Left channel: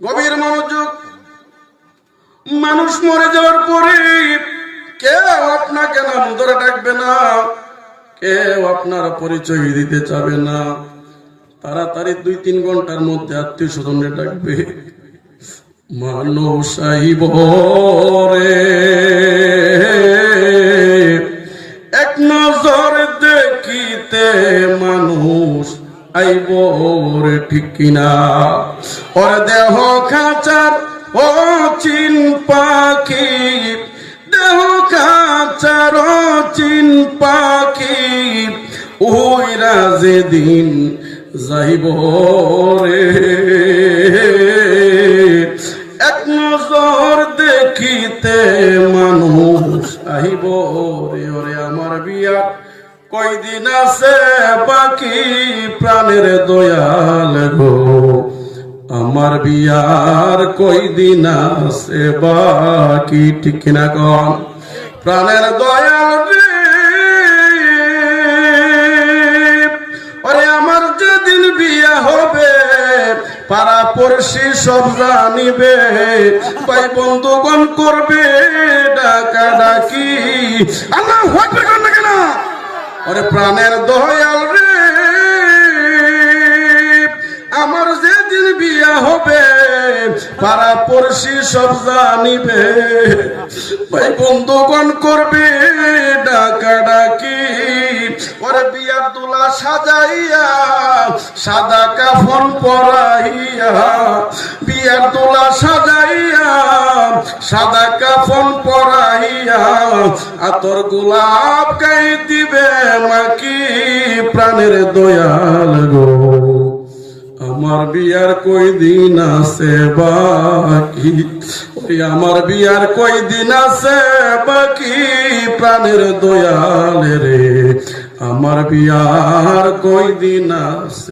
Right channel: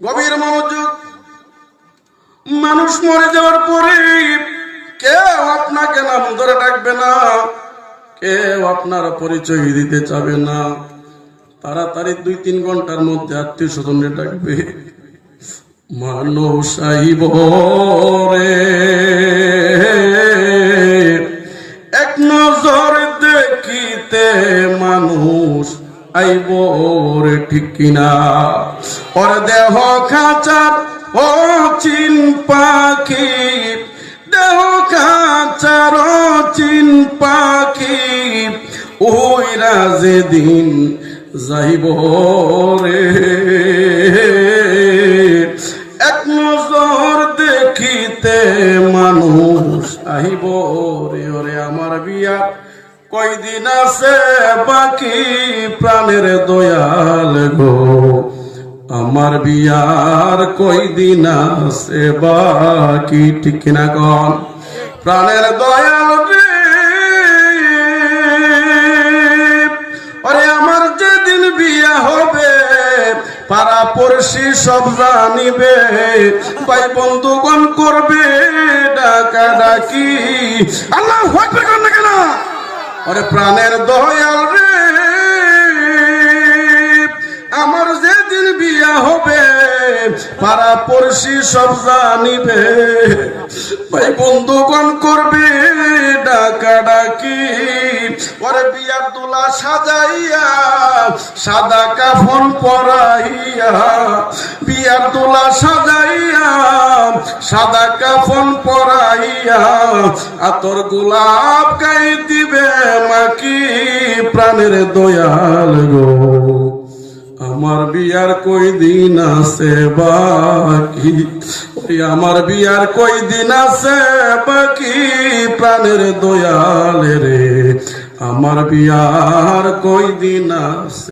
গভীর মনোযোগ। মানুষ মরে যাওয়ার পরে কেউ আপনাকে নাম ধরে ডাকবে না, কেউ আপনার পরিচয় দিতে চাবে না। তাড়াতাড়ি 2-3 ঘন্টার মধ্যে আত্মীয় স্বজনে ডাকবে, মানুষ আইব রে, এক নজর দেখিতে মানুষ আইব রে, ঠিক কিনা? ওর দেহ খাঁচার ও চিন পাখি, দেহ খাঁচার ও চিন পাখি, ওইরা যেদিন যাইব রে, এক নজর দেখিতে মানুষ আইব রে। ওরে আমার বিয়ার কয়দিন আছে বাকি, প্রাণের দয়াল গো, আমার বিয়ার কয়দিন আছে বাকি, ঠিক কিনা কম? প্রাণের দয়াল রে, ওরে আমার যেদিন বিয়া হবে পাড়া পড়শি সব জানিবে, ভাই বন্ধুগণ করবে ডাকা ডাকি, আল্লাহ আকবার করবে কেন? ওরে প্রাণের দয়াল রে, আমার যেদিন বিয়া হবে পাড়া পড়শি সব জানিবে, ভাই বন্ধুগণ করবে ডাকা ডাকি। ওরে বিয়ার দুলা সাজাইয়া সাদা কাফন পরাইয়া, বিয়ার দুলা সাজাইয়া সাদা কাফন পরাইয়া, আতর গোলাপ গাই দিবে মাকি, প্রাণের দয়াল গো, আমার বিয়ার কয়দিন আছে বাকি, আমার বিয়ার কয়দিন আছে বাকি, প্রাণের দয়াল রে, আমার বিয়ার কয়দিন আছে।